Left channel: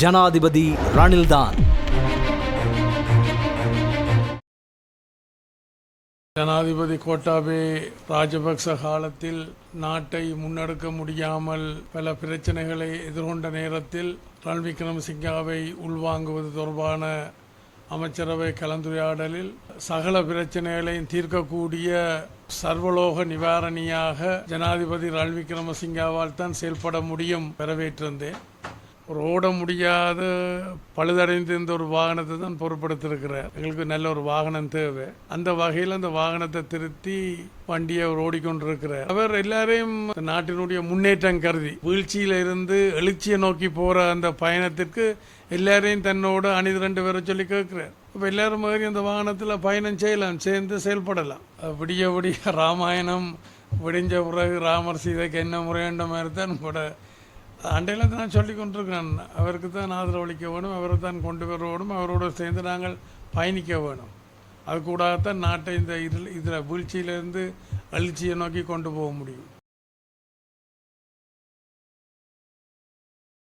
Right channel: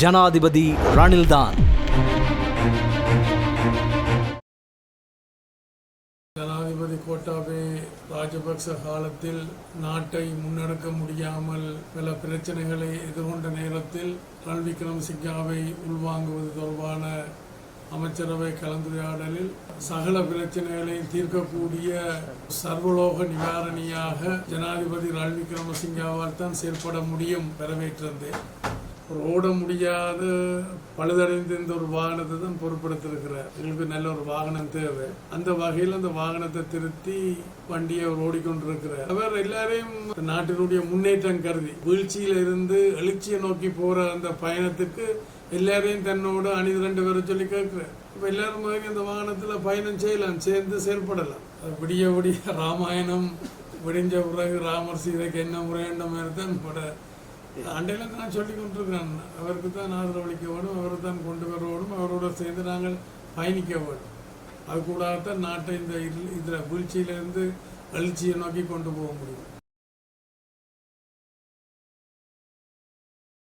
ஜனாதிபதி ரணில்தான். ஜனாதிபதி கோட்டாபே ராஜபக்ச காலத்தில் நாட்டை முன்னெடுக்க முடியாமல் பல பிரச்சனைகளை எதிர்கொண்ட நேரத்தில் ரணில் விக்ரமசிங்காவை உள்வாங்குவது தொடர்பான அமைச்சரவை கலந்துரையாடலில் சகல பிரச்சனைகளையும் தீர்க்கக்கூடிய சர்வலோக நிவாரணியாக ஜனாதிபதி ரணில் விக்ரமசிங்காவால் தான் செயல்பட முடியும். வரவேற்றிருந்தேன். ஒரு ஓட முடியாத இந்த ஒரு வாகனத்தை தான் பொருட்படுத்திருக்கிறார். எங்களுக்கு நல்ல ஒரு வாகனம் தேவை. அந்த வகையில் அந்த வாகனத்தை திருத்தி வண்டியை அவர் ஓடிக்கொண்டிருக்கிறார். அவர் எல்லாரையும் நாட்டினுடைய முன்னேற்றம் கருதி வீழ்ச்சியில இருந்து எழுச்சியை நோக்கி போற அந்த பயணத்துக்கு எல்லாரையும் தன்னோட அணிது ரெண்டு பேரும் சொல்லி கேட்கிறார். அப்போ எல்லாரும் மாதிரி அந்த வாகனத்தில் பயணம் செய்யலாம் சேர்ந்து செயல்படலாம். விடிய விடிய ராமாயணம் விடிஞ்ச பிறகு ராமர் சீதைக்கு என்ன முறையண்ட மாதிரி தான் கூட அண்டையில் தான் சொல்லி கொண்டிருக்கிறான். அவருக்கு தான் ஆதரவளிக்க வேணும் அவரை தான் கொண்டு வர வேணும் அவரோட சேர்ந்து நாங்கள் பயணிக்க வேணும் அது கூடாதான் நாட்டை இந்த இதில் இதில் வீழ்ச்சியிலேருந்து எழுச்சியை நோக்கி கொண்டு போக முடியும்.